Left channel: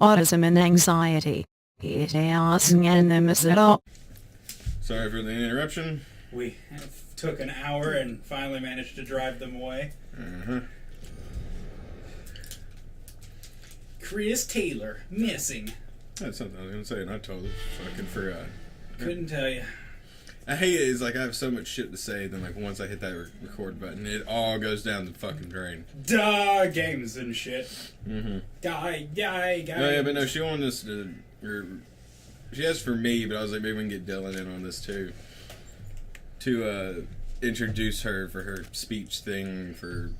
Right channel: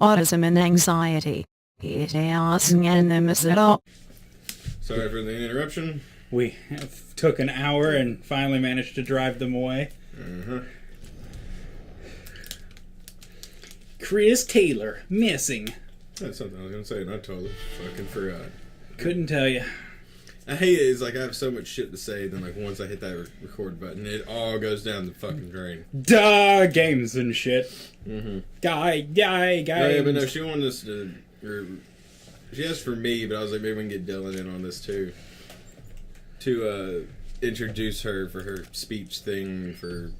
autism and anxiety. Sorry for the interruption. We took an hour and finally managed to drive them away. Chris Taylor, missing. That's something I was going to say, and I totally fucking forgot. Couldn't tell you. I hate it. It's like I have so much shit to say, then like once I hit that record button, it all goes down the fucking drain. Duh, games and shit. Guy. Oh, yeah, but no, she wanted us to... she asked for me, but I was like, maybe we can get Dylan in on this too. To introduce her for her speech thing for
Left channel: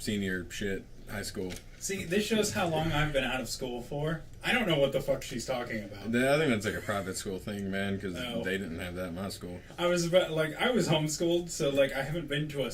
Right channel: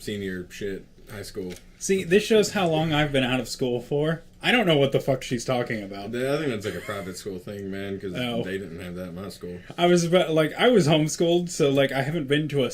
senior shit, high school. See, this shows how long I've been out of school for. I don't know what the fuck she's talking about. I think that's like a private school thing, man, because they didn't have that in my school. I was homeschooled, so like I haven't been to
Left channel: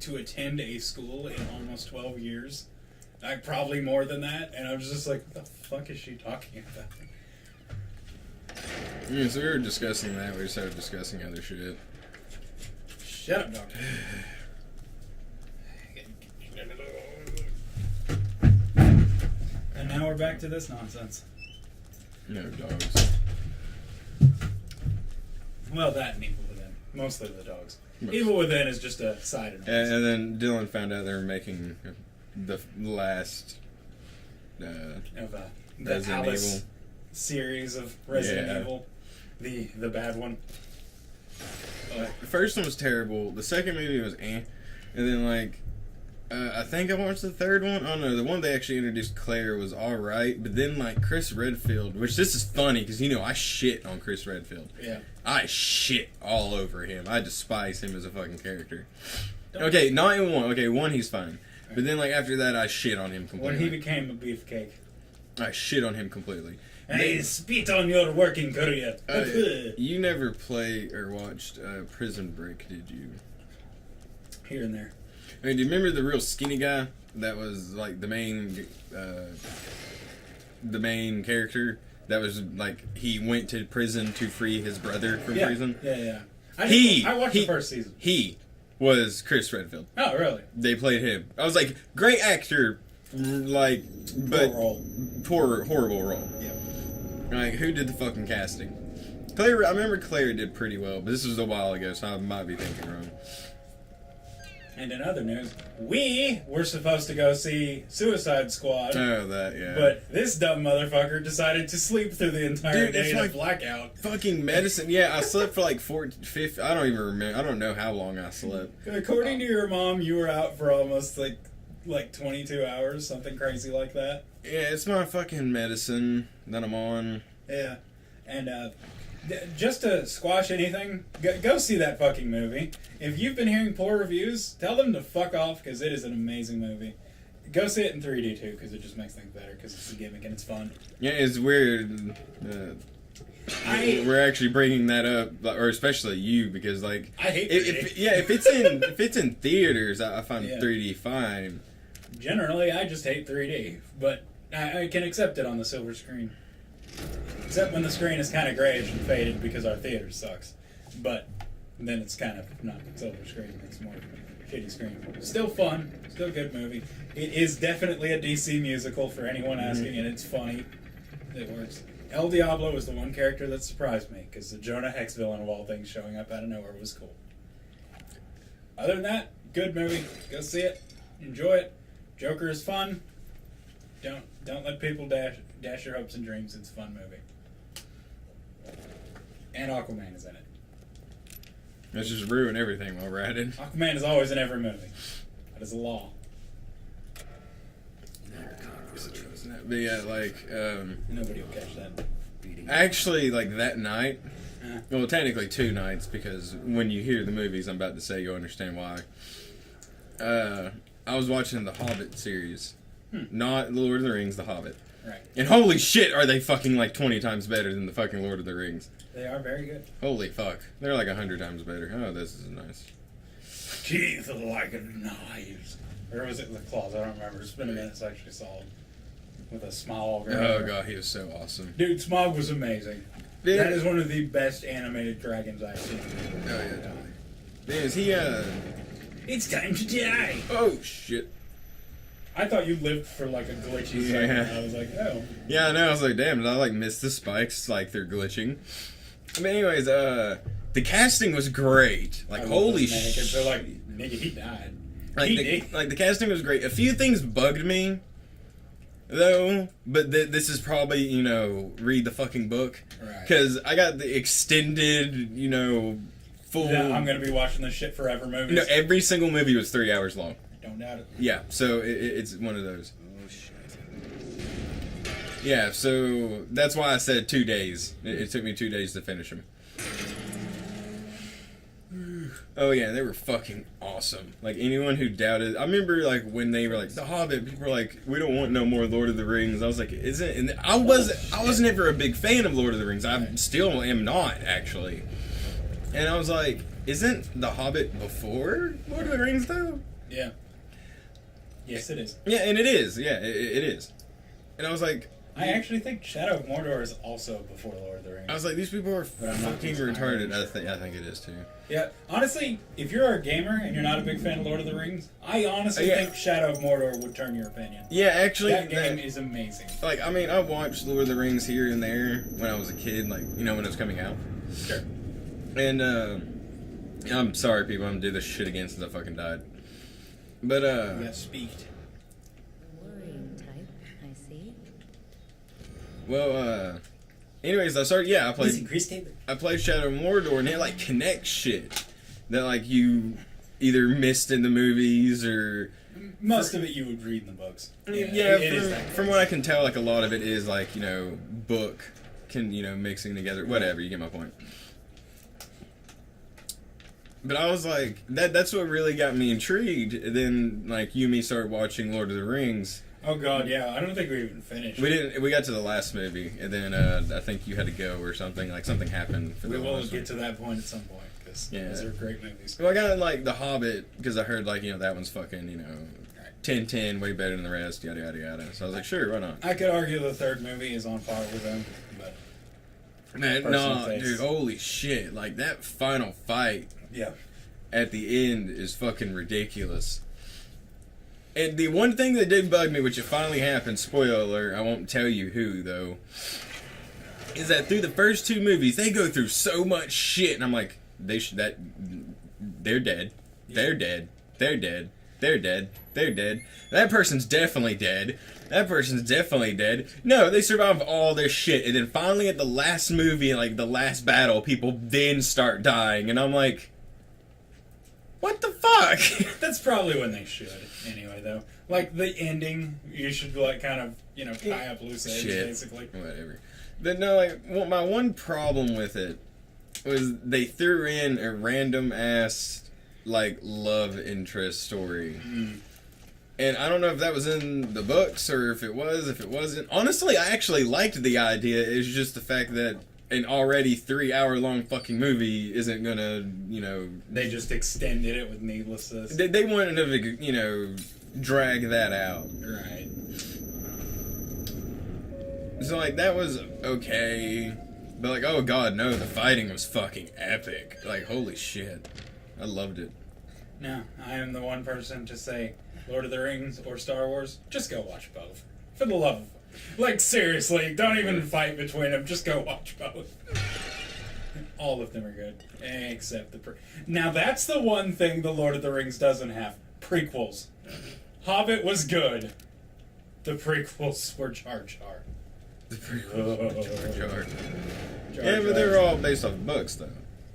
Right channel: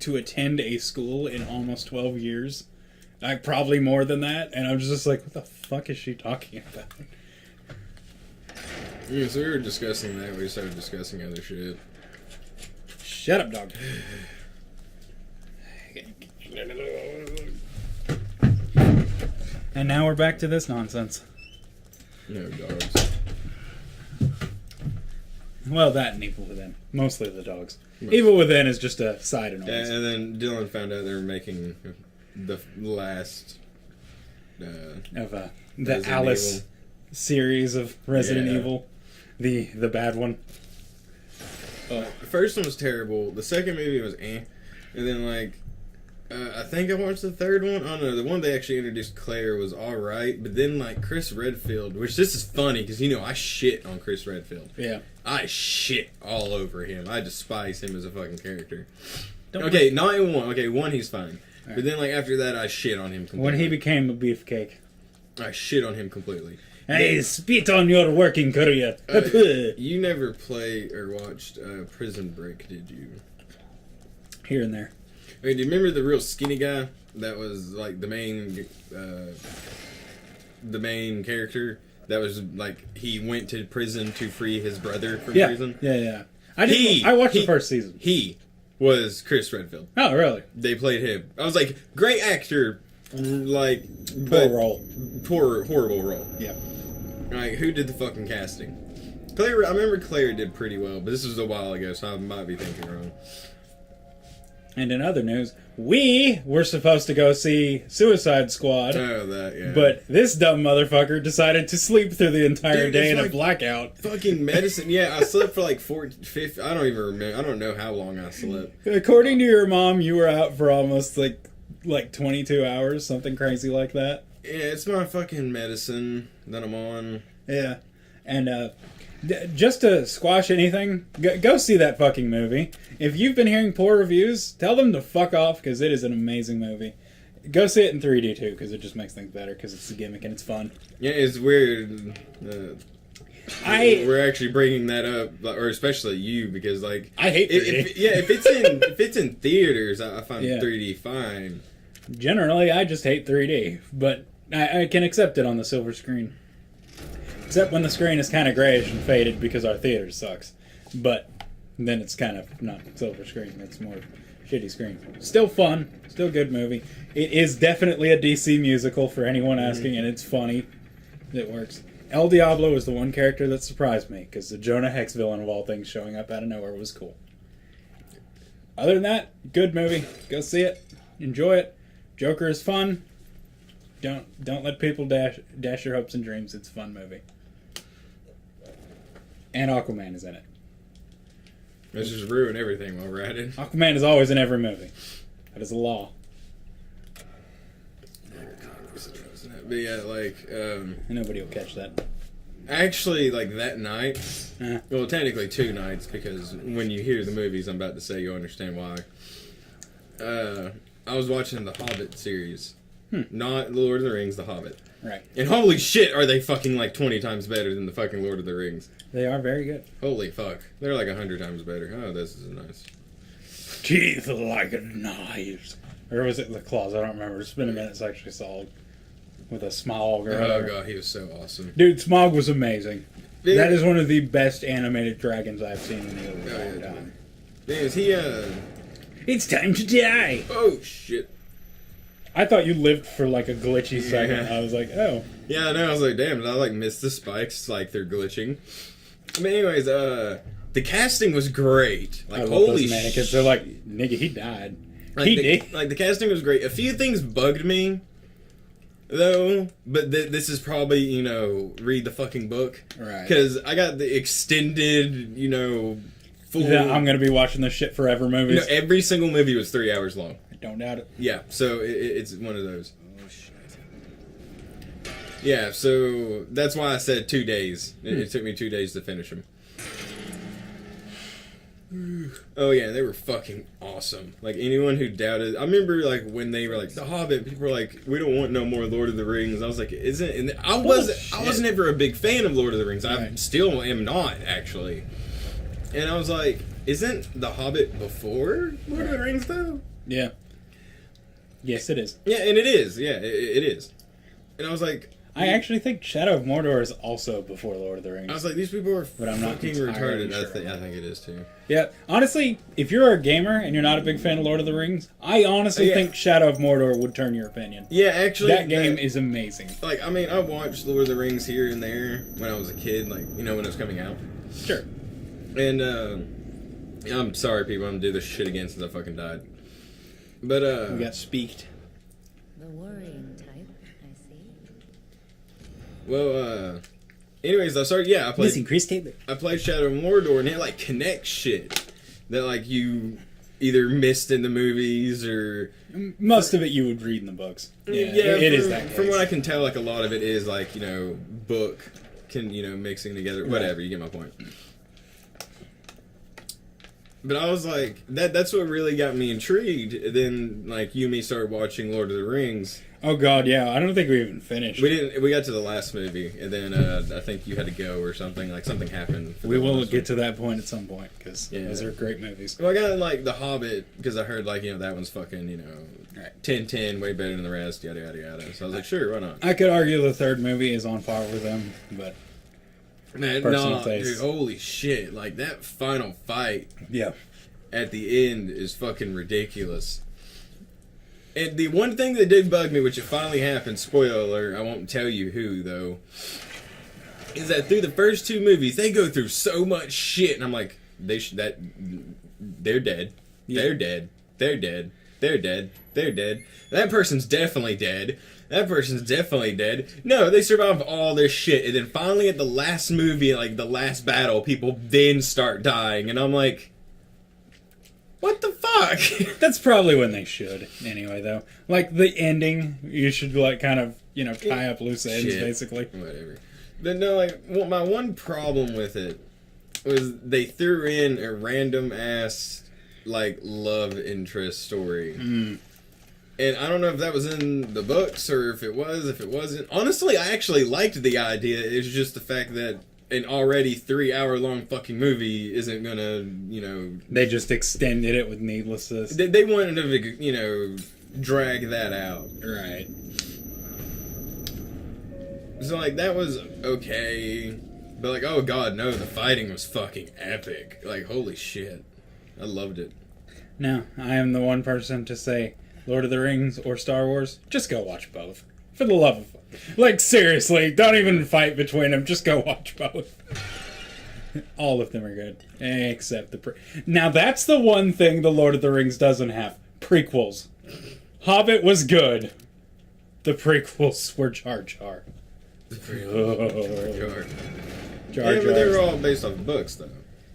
to attend a school in almost 12 years. Like probably more than that, and I was just like, what the fuck is she talking about? Yeah, so we were discussing that. We started discussing other shit. Shut up, dog. And now we're back to this nonsense. No dogs. Well, that and Evil Within. Mostly the dogs. Evil Within is just a side annoyance. Yeah, and then Dylan found out they were making the last... of the Alice Evil series of Resident Evil. The bad one. The first one was terrible. The second movie was eh. And then, like... I think I watched the third one. I don't know. The one they actually introduced Claire was alright. But then, like, Chris Redfield, which this is funny because, you know, I shit on Chris Redfield. Yeah. I shit all over him. I despise him as a fucking character. Okay, not in one. Okay, one, he's fine. Right. But then, like, after that, I shit on him completely. When he became a beefcake. I shit on him completely. I spit on your working career. You never played or watched Prison Break, did you? Here and there. I mean, do you remember the real skinny guy that was like the main character? That was like he went to prison to free his brother from prison. Yeah. I watched the first season. He was Chris Redfield. Oh, really? They played him. I was like, great actor, like, but horrible role. Yeah. Like, who did the fucking casting? Claire. I remember Claire did pretty well, but this was a while ago, so I might be thinking wrong. And in other news, we were supposed to go see Suicide Squad. Oh, that, yeah. But this dumb motherfucker decided to sleep through the entire day in a blackout. Fucking medicine. Yeah, I slept for like 50, I don't even remember. I don't know how long I slept. According to your mom, you were out for almost like 22 hours, something crazy like that. Yeah, it's my fucking medicine that I'm on. Yeah. And, just to squash anything, go see that fucking movie. If you've been hearing poor reviews, tell them to fuck off, because it is an amazing movie. Go see it in 3D, too, because it just makes things better, because it's a gimmick and it's fun. Yeah, it's weird. We're actually bringing that up, or especially you, because, like... I hate 3D. If it's in theaters, I find 3D fine. Generally, I just hate 3D, but I can accept it on the silver screen. Except when the screen is kind of grayish and faded because our theater sucks. But then it's kind of not silver screen, it's more shitty screen. Still fun, still good movie. It is definitely a DC musical for anyone asking, and it's funny. It works. El Diablo is the one character that surprised me, because the Jonah Hex villain of all things showing up out of nowhere was cool. Other than that, good movie. Go see it. Enjoy it. Joker is fun. Don't let people dash your hopes and dreams. It's a fun movie. And Aquaman is in it. Let's just ruin everything while we're at it. Aquaman is always in every movie. That is a law. But yeah, like... Nobody will catch that. Actually, like that night... Well, technically 2 nights, because when you hear the movies I'm about to say, you'll understand why. I was watching the Hobbit series. Not Lord of the Rings, The Hobbit. Right. And holy shit, are they fucking like 20 times better than the fucking Lord of the Rings. They are very good. Holy fuck. They're like 100 times better. Oh, this is nice. Teeth like knives. Or was it the claws? I don't remember. It's been a minute since I actually saw it. With a Smaug. Oh god, he was so awesome. Dude, Smaug was amazing. Yeah. That is one of the best animated dragons I've seen in a long time. Man, is he It's time to die! Oh shit. I thought you lived for like a glitchy second. Yeah. I was like, oh. Yeah, I know. I was like, damn, did I like miss the spikes? Like they're glitching. But anyways, the casting was great. Like, I love holy those mannequins. They're like, nigga, he died. Like He the, did. like the casting was great. A few things bugged me, though. But this is probably, you know, read the fucking book. Right. Because I got the extended, you know, full. Yeah, I'm gonna be watching this shit forever movies. You know, every single movie was 3 hours long. Don't doubt it. Yeah, so it's one of those. Oh shit. Yeah, so that's why I said 2 days. It took me 2 days to finish them. Oh yeah, they were fucking awesome. Like anyone who doubted, I remember like when they were like The Hobbit, people were like, "We don't want no more Lord of the Rings." I was like, "Isn't?" And I was never a big fan of Lord of the Rings. I still am not actually. And I was like, "Isn't The Hobbit before Lord of the Rings though?" Yeah. Yes, it is. Yeah, and it is. Yeah, it is. And I was like, I actually think Shadow of Mordor is also before Lord of the Rings. I was like, these people are But I'm not fucking entirely retarded. sure. I think it is too. Yeah, honestly, if you're a gamer and you're not a big fan of Lord of the Rings, I honestly think Shadow of Mordor would turn your opinion. Yeah, actually, That game is amazing. Like, I mean, I watched Lord of the Rings here and there when I was a kid, like, you know, when it was coming out. Sure. And, I'm sorry, people, I'm gonna do this shit again since I fucking died. But, We got speaked. The worrying type, I see. well, anyways, I played Shadow of Mordor, and it, like, connects shit that, like, you either missed in the movies or... Most of it you would read in the books. Yeah, Yeah, it is that case. From what I can tell, like, a lot of it is, like, you know, book, you know, mixing together, whatever, you get my point. But I was like, that's what really got me intrigued. Then, like, you and me started watching Lord of the Rings. Oh god, yeah. I don't think we even finished. We got to the last movie, and then I think you had to go or something. Like, something happened. We will get to that point at some point, because Yeah. those are great movies. Well, I got, like, The Hobbit, because I heard, like, you know, that one's fucking, you know, Right. 10-10, way better than the rest, yada, yada, yada. So I was like, sure, why not? I could argue the third movie is on par with them, but Man, personal no, taste. dude, holy shit. Like, that final fight yeah. at the end is fucking ridiculous. And the one thing that did bug me, which it finally happened, spoiler alert, I won't tell you who, though, is that through the first two movies, they go through so much shit, and I'm like, they're dead. They're dead. They're dead. They're dead. They're dead. That person's definitely dead. That person's definitely dead. No, they survive all this shit, and then finally at the last movie, like the last battle, people then start dying, and I'm like, what the fuck? That's probably when they should, anyway, though. Like, the ending, you should, like, kind of, you know, tie up loose ends, Shit. basically. Whatever. But no, like, well, my one problem with it was they threw in a random ass, like, love interest story. And I don't know if that was in the books or if it wasn't. Honestly, I actually liked the idea. It's just the fact that an already 3-hour-long fucking movie isn't gonna, you know... They just extended it with needlessness. They wanted to, you know, drag that out. Right. So, like, that was okay. But, like, oh god, no, the fighting was fucking epic. Like, holy shit. I loved it. Now, I am the one person to say Lord of the Rings or Star Wars. Just go watch both. For the love of... Like, seriously, don't even fight between them. Just go watch both. All of them are good. Except the... Now, that's the one thing the Lord of the Rings doesn't have. Prequels. Hobbit was good. The prequels were Jar Jar. The prequel. Jar Yeah, but they were all based off of books, though.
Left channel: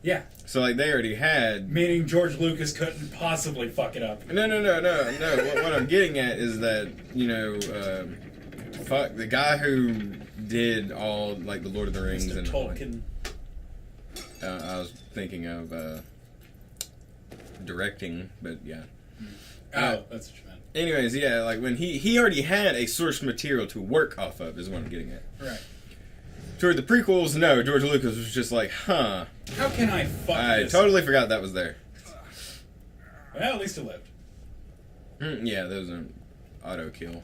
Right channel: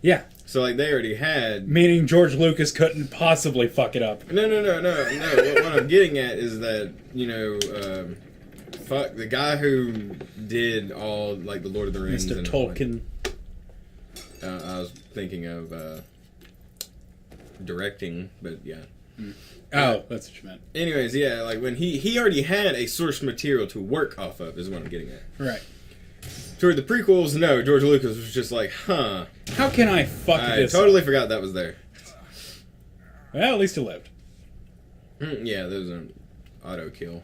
Yeah. So, like, they already had... Meaning George Lucas couldn't possibly fuck it up. No. What I'm getting at is that, you know, fuck, the guy who did all, like, the Lord of the Rings... Mr. and Tolkien. I was thinking of directing, but yeah. Oh, that's what you meant. Anyways, yeah, like, when he already had a source material to work off of, is what I'm getting at. Right. Toward the prequels, no, George Lucas was just like, huh. How can I fuck I this? totally forgot that was there. Well, at least he lived. Yeah, those are auto-kill.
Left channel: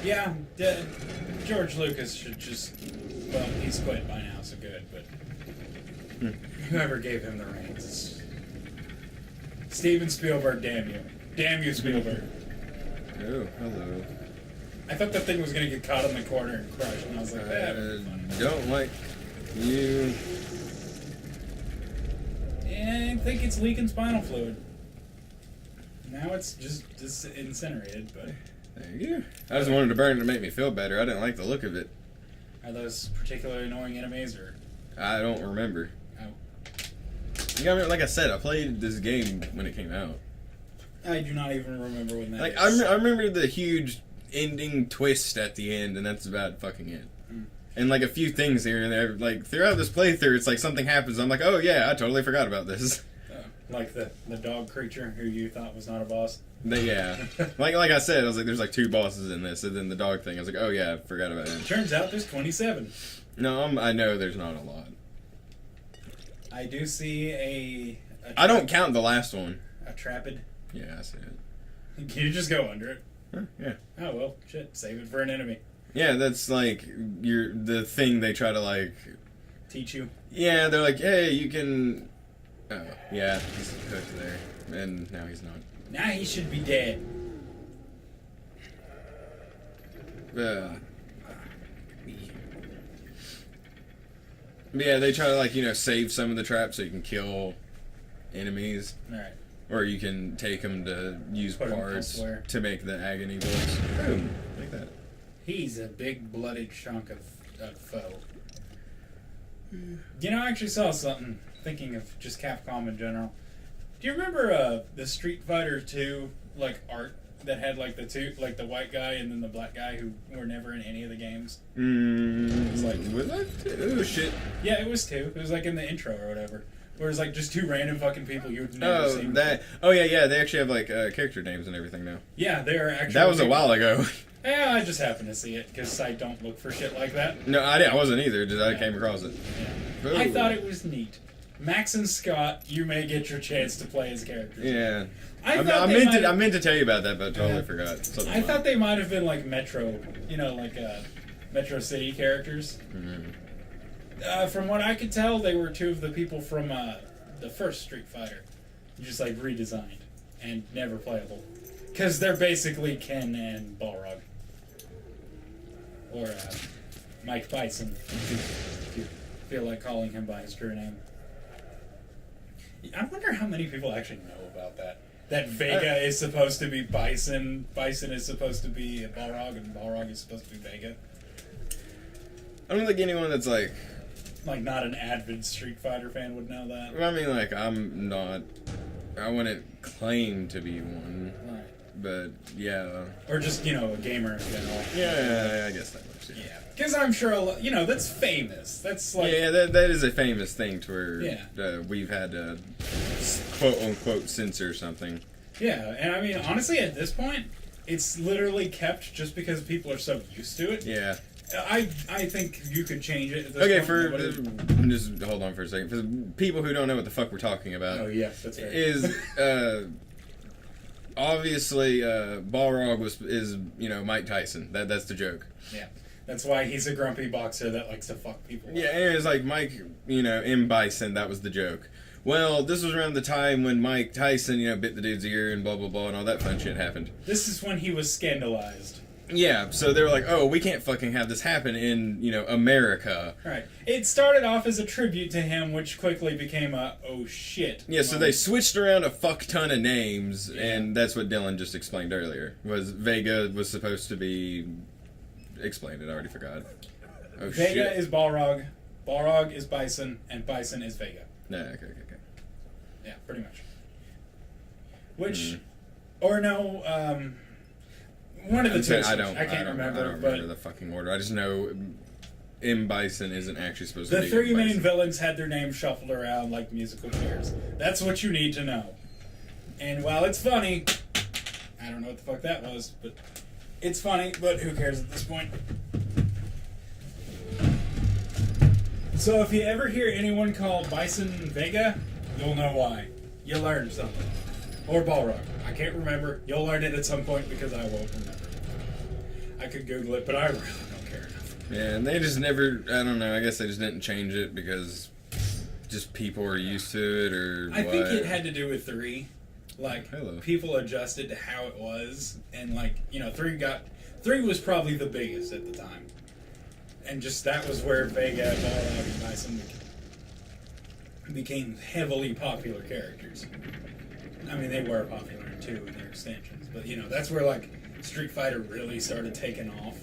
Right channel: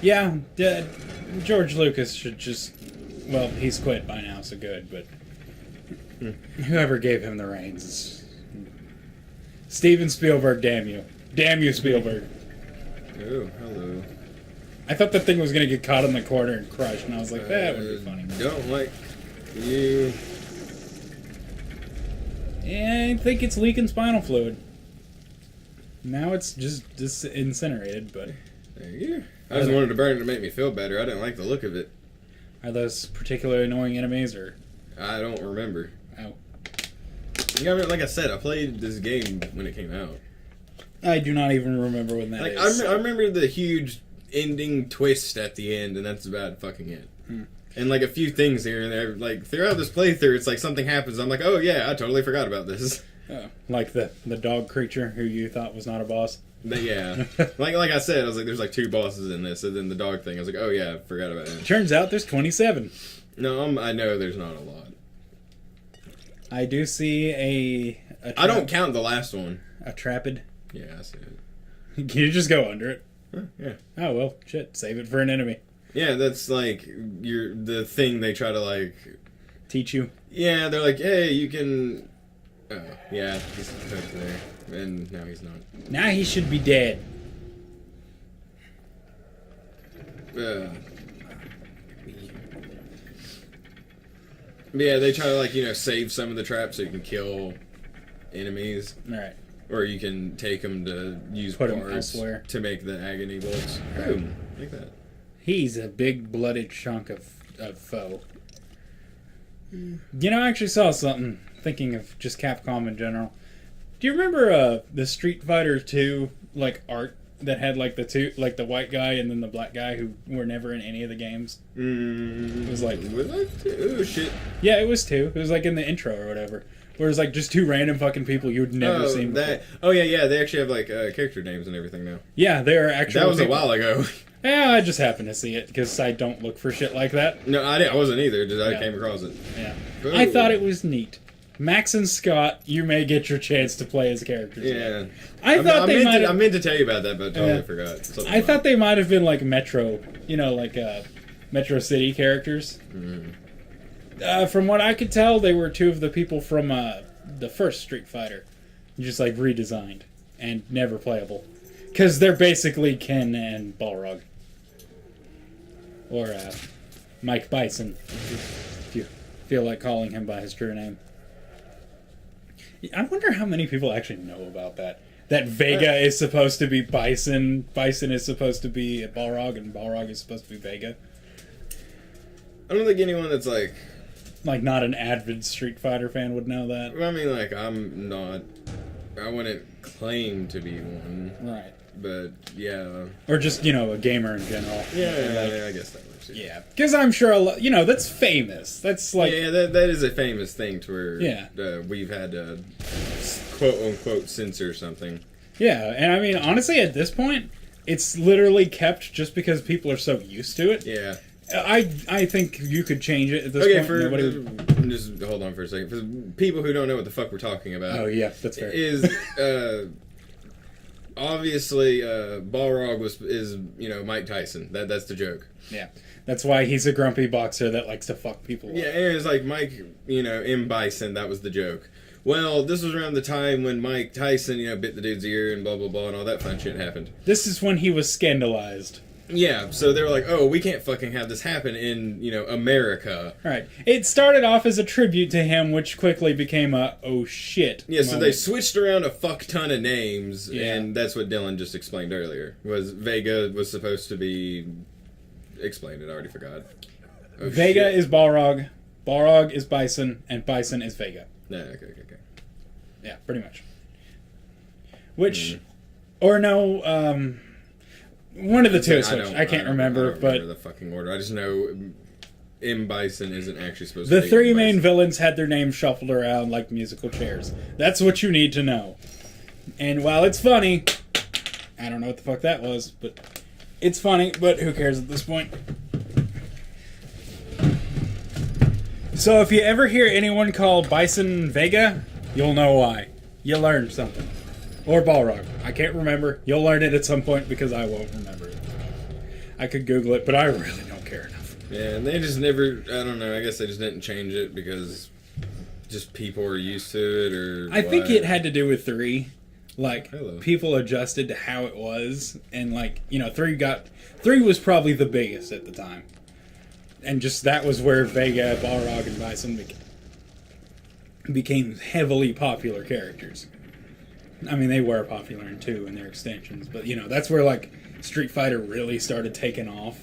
Yeah, George Lucas should just... Well, he's quit by now, so good, but... Whoever gave him the reins is... Steven Spielberg, damn you. Damn you, Spielberg. Oh, hello. I thought the thing was gonna get caught in the corner and crush, and I was like, that would be funny. Don't like you. Yeah, I think it's leaking spinal fluid. Now it's just incinerated, but... There you go. I just wanted to burn it to make me feel better. I didn't like the look of it. Are those particularly annoying enemies, or... I don't remember. Oh. Yeah, I mean, like I said, I played this game when it came out. I do not even remember when that Like, is. I remember the huge ending twist at the end, and that's about fucking it. Hmm. And, like, a few things here and there. Like, throughout this playthrough, it's like something happens. I'm like, oh, yeah, I totally forgot about this. Like the dog creature who you thought was not a boss? But, yeah. like I said, I was like, there's like 2 bosses in this, and then the dog thing. I was like, oh, yeah, I forgot about it. Turns out there's 27. No, I know there's not a lot. I do see a I don't count the last one. A trapid. Yeah, I see it. Can you just go under it? Huh, yeah. Oh, well, shit. Save it for an enemy. Yeah, that's like the thing they try to like Teach you. Yeah, they're like, hey, you can. Oh, yeah, he's hooked there, and now he's not. Now he should be dead. Yeah, they try to like save some of the traps so you can kill enemies, All right. or you can take them to use Put 'em parts elsewhere. to make the agony bullets. Boom, like that. He's a big blooded chunk of foe. You know, I actually saw something, thinking of just Capcom in general. Do you remember the Street Fighter 2 like art that had like the white guy and then the black guy who were never in any of the games? It was like, oh shit. yeah, it was 2. It was like in the intro or whatever. Where it's like just 2 random fucking people you'd never seen before. Oh yeah, they actually have like character names and everything now. Yeah, they're actually. That was a while ago. Yeah, I just happened to see it because I don't look for shit like that. No, I wasn't either. Just I Yeah. came across it. Yeah, Ooh. I thought it was neat. Max and Scott, you may get your chance to play as characters. Yeah, I thought they might. I meant to tell you about that, but I totally Yeah. forgot. Something I about thought it. they might have been like Metro, Metro City characters. From what I could tell, they were 2 of the people from the first Street Fighter, just like redesigned and never playable, because they're basically Ken and Balrog, or Mike Bison, if you feel like calling him by his true name. I wonder how many people actually know about that. That Vega is supposed to be Bison, Bison is supposed to be Balrog, and Balrog is supposed to be Vega. I don't think anyone that's like. Like, not an avid Street Fighter fan would know that. I mean, like, I'm not. I wouldn't claim to be one. Right. But, yeah. Or just, a gamer in general. Yeah, I guess that much. Yeah. Because I'm sure, that's famous. That's like... Yeah, that is a famous thing to where Yeah. We've had to quote-unquote censor something. Yeah, and I mean, honestly, at this point, it's literally kept just because people are so used to it. Yeah. I think you could change it at this Okay, point. just hold on for a second. For people who don't know what the fuck we're talking about. Oh, yeah, that's fair. Is, obviously, Balrog is Mike Tyson. That's the joke. Yeah. That's why he's a grumpy boxer that likes to fuck people up. Yeah, and it's like Mike, M. Bison, that was the joke. Well, this was around the time when Mike Tyson, bit the dude's ear and blah, blah, blah, and all that fun shit happened. This is when he was scandalized. Yeah, so they were like, oh, we can't fucking have this happen in, America. Right. It started off as a tribute to him, which quickly became a, oh shit. Yeah, so they switched around a fuck ton of names, Yeah. and that's what Dylan just explained earlier. Was Vega was supposed to be... Explained it, I already forgot. Oh, Vega shit. is Balrog, Balrog is Bison, and Bison is Vega. No, okay. Yeah, pretty much. Which, or no, one of the two. I can't remember, but the fucking order. I just know M. Bison isn't actually supposed the to be 3 M. main Bison. villains had their names shuffled around like musical chairs. That's what you need to know. And while it's funny, I don't know what the fuck that was, but it's funny, but who cares at this point? So if you ever hear anyone call Bison Vega, you'll know why. You learned something. Or Balrog. I can't remember. You'll learn it at some point because I won't remember it. I could Google it, but I really don't care enough. Yeah, and they just never... I don't know. I guess they just didn't change it because just people were used to it, or I think what. it had to do with 3. Like, Hello. people adjusted to how it was, and like, you know, 3 was probably the biggest at the time. And just that was where Vega, Balrog, and Bison became heavily popular characters. I mean, they were popular in 2 in their extensions, but you know, that's where like Street Fighter really started taking off.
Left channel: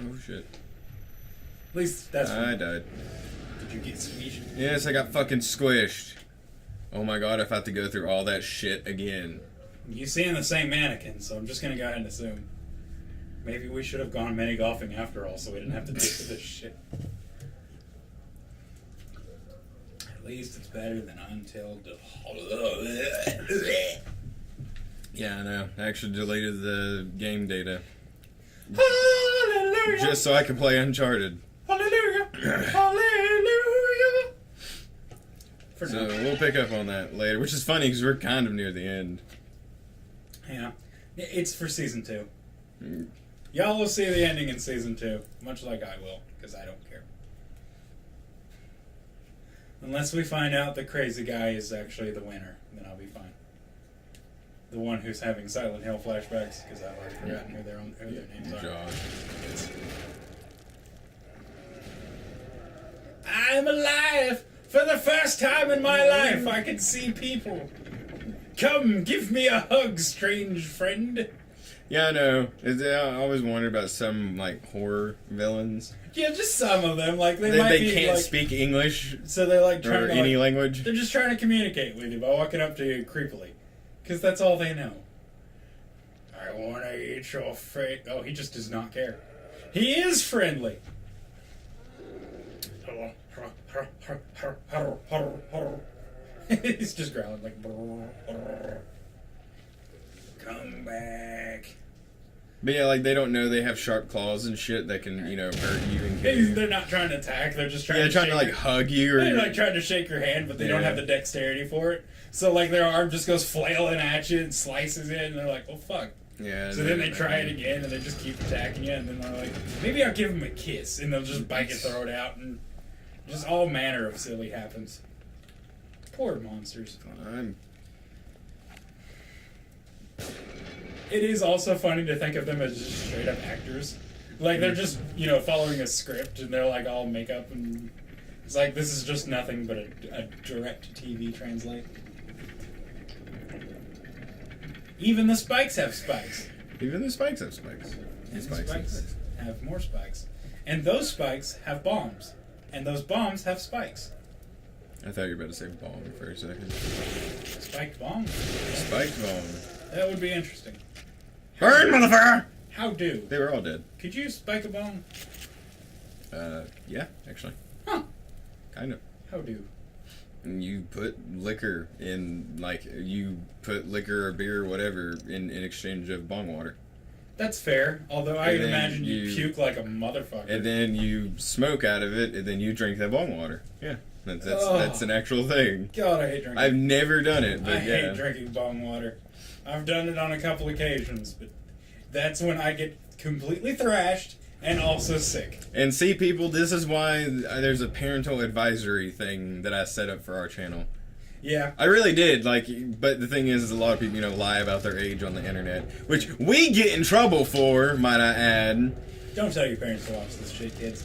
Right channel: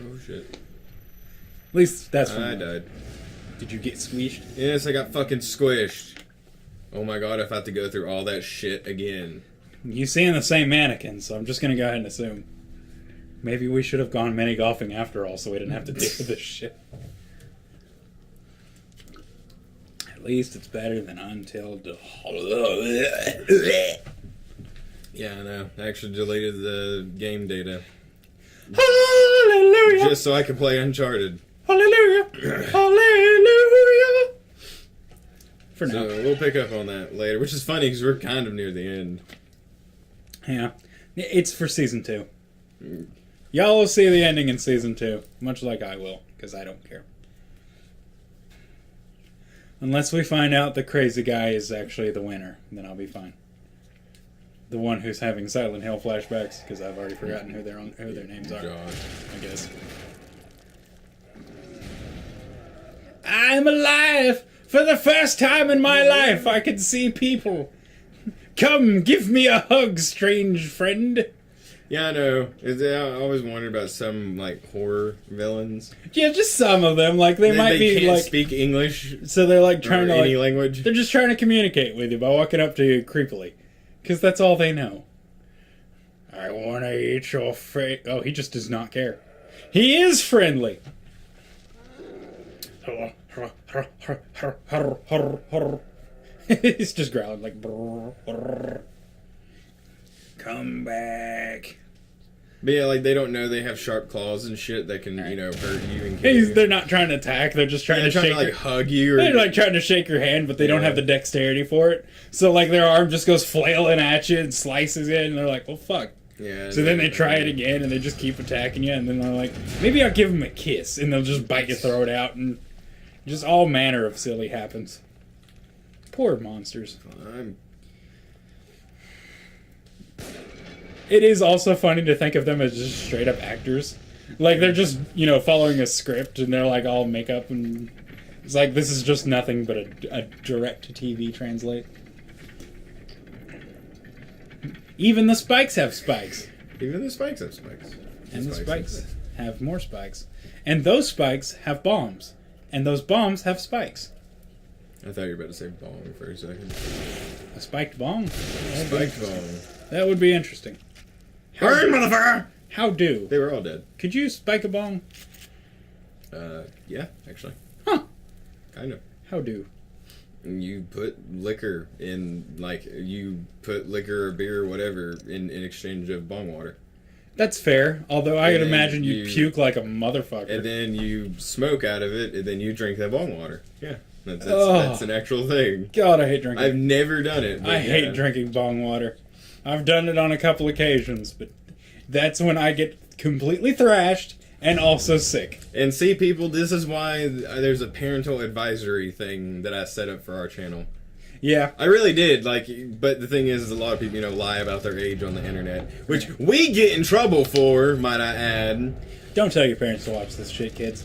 Oh shit. At least that's I died. Did you get squeezed? Yes, I got fucking squished. Oh my god, if I have to go through all that shit again. You seeing the same mannequin, so I'm just gonna go ahead and assume. Maybe we should have gone mini golfing after all, so we didn't have to deal with this shit. At least it's better than Until. Yeah, I know. I actually deleted the game data Hallelujah! just so I could play Uncharted. Hallelujah! Hallelujah! For So now. we'll pick up on that later, which is funny because we're kind of near the end. Yeah. It's for season 2. Y'all will see the ending in season 2, much like I will, because I don't care. Unless we find out the crazy guy is actually the winner, then I'll be fine. The one who's having Silent Hill flashbacks, because I've already forgotten who their names are. Josh. I guess. I'm alive! For the first time in my life, I can see people. Come, give me a hug, strange friend. Yeah, I know. I always wondered about some like horror villains. Yeah, just some of them. Like they might be can't like, speak English so they're like or trying to any like, language. they're just trying to communicate with you by walking up to you creepily, because that's all they know. I want to eat your face. Oh, he just does not care. He is friendly. He's just growling like. Brr, brr. Come back. But yeah, like they don't know they have sharp claws and shit that can, you know, hurt you and kill you. They're not trying to attack. They're just trying Yeah, to trying shake to like your- hug you or They're like trying to shake your hand, but they don't Yeah. have the dexterity for it. So like their arm just goes flailing at you and slices it, and they're like, "Well, fuck." yeah. So then they try it again, and they just keep attacking you, and then they're like, "Maybe I'll give them a kiss," and they'll just bite your throat out, and just all manner of silly happens. Poor monsters. I'm It is also funny to think of them as just straight up actors. Like they're just, you know, following a script, and they're like all makeup, and it's like this is just nothing but a direct to TV translate. Even the spikes have spikes. Even the spikes have spikes. And the have spikes have more spikes. And those spikes have bombs. And those bombs have spikes. I thought you were about to say bomb for a second. A spiked bomb? Spiked bomb. That would be interesting. Burn, motherfucker! How do? They were all dead. Could you spike a bomb? Yeah, actually. Huh. Kind of. How do? And you put liquor in, like, you put liquor or beer or whatever in exchange of bong water. That's fair. Although I And could then imagine you you- puke like a motherfucker. And then you smoke out of it, and then you drink that bong water. Yeah. That's Oh. that's an actual thing. God, I hate drinking. I've never done it. But I yeah. hate drinking bong water. I've done it on a couple occasions, but that's when I get completely thrashed and also sick. And see, people, this is why there's a parental advisory thing that I set up for our channel. Yeah. I really did, like, but the thing is a lot of people, you know, lie about their age on the internet, which we get in trouble for, might I add. Don't tell your parents to watch this shit, kids.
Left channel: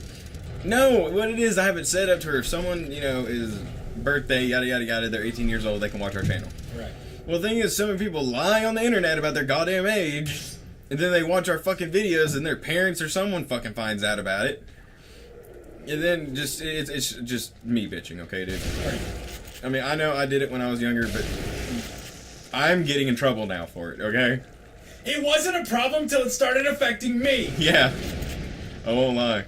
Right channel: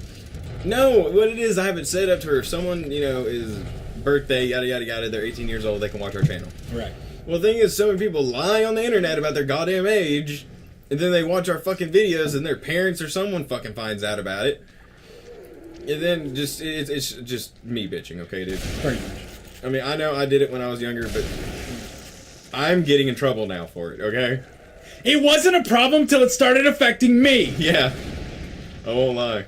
No, what it is, I have it set up to where if someone, you know, is birthday, yada yada yada, they're 18 years old, they can watch our channel. Right. Well, the thing is, so many people lie on the internet about their goddamn age, and then they watch our fucking videos, and their parents or someone fucking finds out about it. And then just, it's just me bitching, okay, dude? Pretty much. I mean, I know I did it when I was younger, but I'm getting in trouble now for it, okay? It wasn't a problem till it started affecting me. Yeah. I won't lie.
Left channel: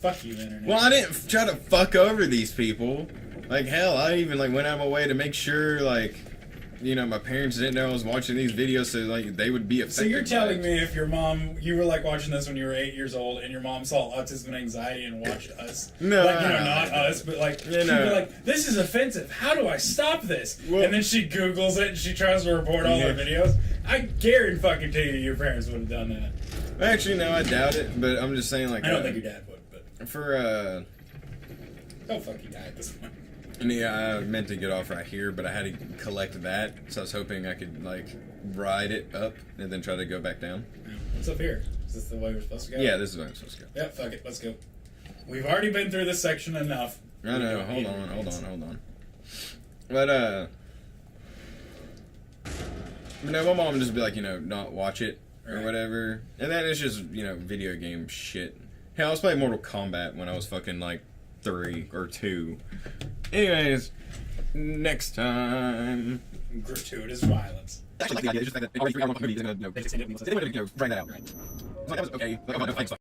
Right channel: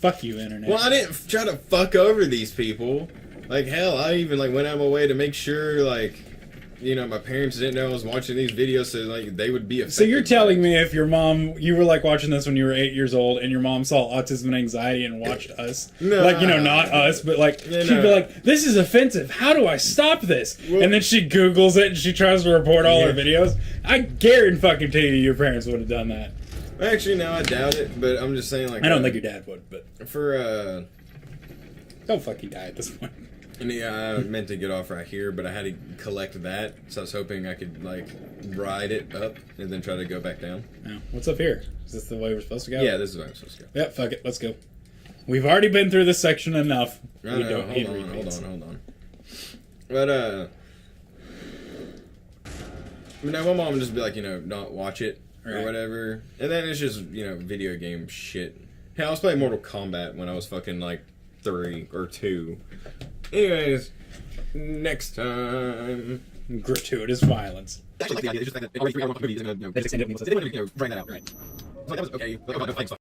Fuck you, internet. Well, I didn't try to fuck over these people. Like, hell, I even, like, went out of my way to make sure, like, you know, my parents didn't know I was watching these videos so, like, they would be affected. So you're by telling it. me if your mom, you were like watching this when you were 8 years old, and your mom saw autism and anxiety and watched us, No. like, you know, not us, but like Yeah, she'd no. be like, "This is offensive. How do I stop this?" Well- and then she Googles it and she tries to report all her Yeah. videos. I guarantee you, your parents would have done that. Actually, no, I doubt it, but I'm just saying, like... I don't think your dad would, but For, don't fucking die at this point. And yeah, I meant to get off right here, but I had to collect that, so I was hoping I could, like, ride it up and then try to go back down. Yeah. What's up here? Is this the way we're supposed to go? Yeah, this is where I'm supposed to go. Yeah, fuck it. Let's go. We've already been through this section enough. No, We no, don't need hold repeats. on. But, you know, my mom would just be like, you know, not watch it or Right. whatever. And then it's just, you know, video game shit. Hell, I was playing Mortal Kombat when I was fucking, like, 3 or 2. Anyways, next time. Gratuitous violence. Actually, like the idea, it's just like that already 3 hour movie is gonna, you know, They just end up being they didn't, you know, drag that out. Right. So, like, that was okay. Like, I'm not gonna fight stuff.